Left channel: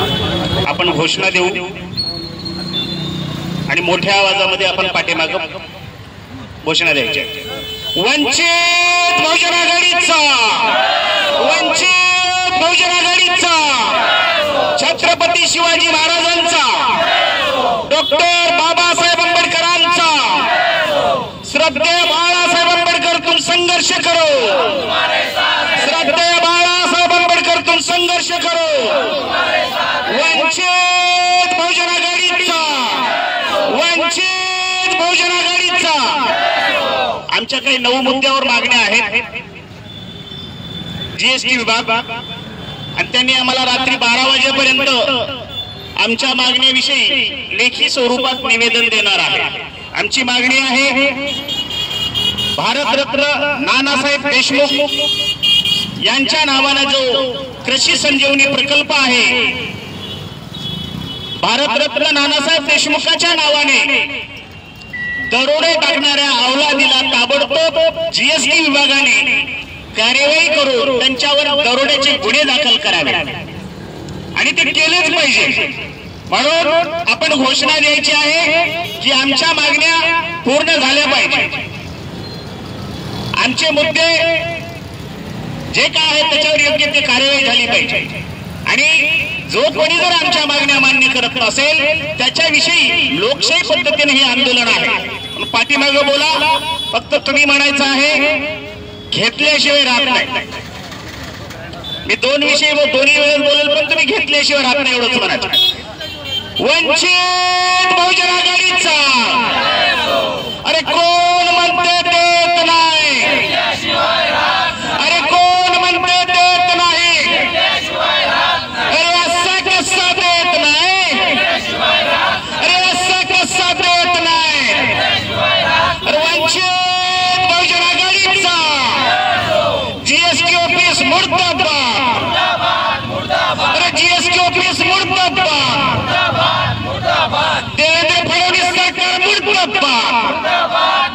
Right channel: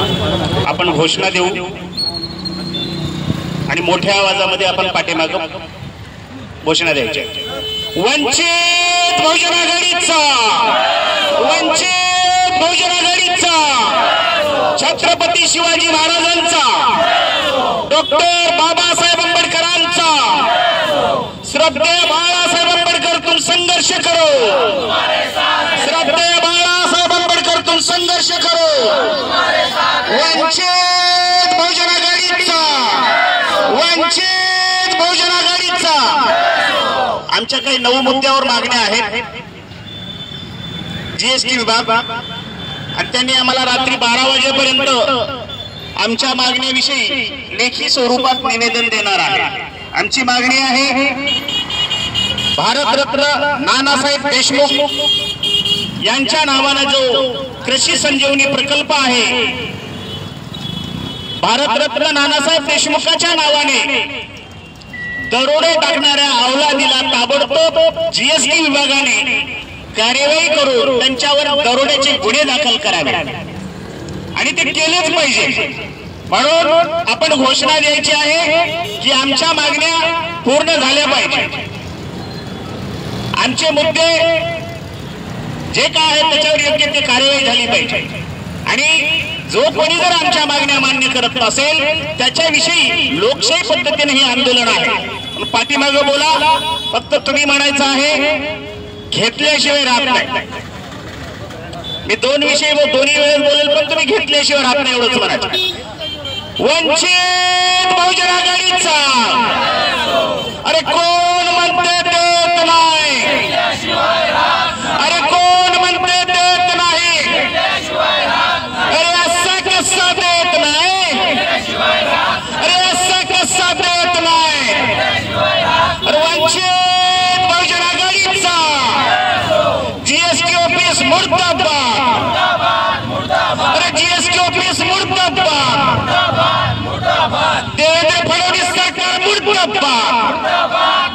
आपण घोषणा देऊ आणि मोठ्या आवाजामध्ये आपण पाठीमागे घोषणा द्यायची। वंचित बहुजन आघाडीचा, वंचित बहुजन आघाडीचा, छत्रपती शिवाजी महाराजांचा, डॉक्टर बाबासाहेब आंबेडकरांचा, श्रद्धेय बाळासाहेब आंबेडकर तुम संघर्ष करो, श्रद्धेय बाळासाहेब आंबेडकर तुम संघर्ष करो। वंचित बहुजन आघाडीचा, वंचित बहुजन आघाडीचा। आमच्या काही 9 मुद्द्यावर मागण्या आहेत। जीएसटी विभाग आणि त्यांनी आम्हाला रात्री 12 वाजेपर्यंत आमच्या मागण्याविषयी लेखी स्वरूपात निवेदन देणार आहे। आमची मागणी आहे, भारतरत्न नानासाहेब देशमुख यांच्या नावाने जो कृषी संजीवनी प्रकल्प आहे, भारतरत्न नानासाहेब देशमुखांच्या नावाने दरोडे टाकणाऱ्या अवलादीला ताबडतोब जीएसटी विभागाने कार्यवाही करून त्यांच्यावर दरोड्याचे गुन्हे दाखल करावे आणि ते केलेच पाहिजे। म्हणून आपण घोषणा द्यायची आहे की आमच्या मागण्या पूर्ण झाल्या पाहिजे। आमचे मुद्दे जे काय आहेत त्याच्यावर योग्य ते कार्यवाही झाली पाहिजे आणि जो कोणी जर आमच्या मागण्या मान्य करत नसेल त्याच्याविषयी लोकशाही पद्धतीने हे आंदोलन आहे। पाठीमागे बोला, फक्त तुम्ही म्हणायचं आहे घेतल्याशिवाय राहत नाही। मी 2 विषय दोन्ही वेळेस बोलेल, पण तुम्ही घेतल्याशिवाय राहत नाही एवढंच म्हणायचं। वंचित बहुजन आघाडीचा, अरे कोण म्हणते देत नाही, अरे कोण म्हणते देत नाही, अरे असा कसा देत नाही, अरे असा कसा देत नाही। अरे वंचित बहुजन आघाडीचा जीएसटी ऑफिस मुर्दाबाद, अरे जीएसटी ऑफिस मुर्दाबाद, देवेंद्र फडणवीस सरकार मुर्दाबाद।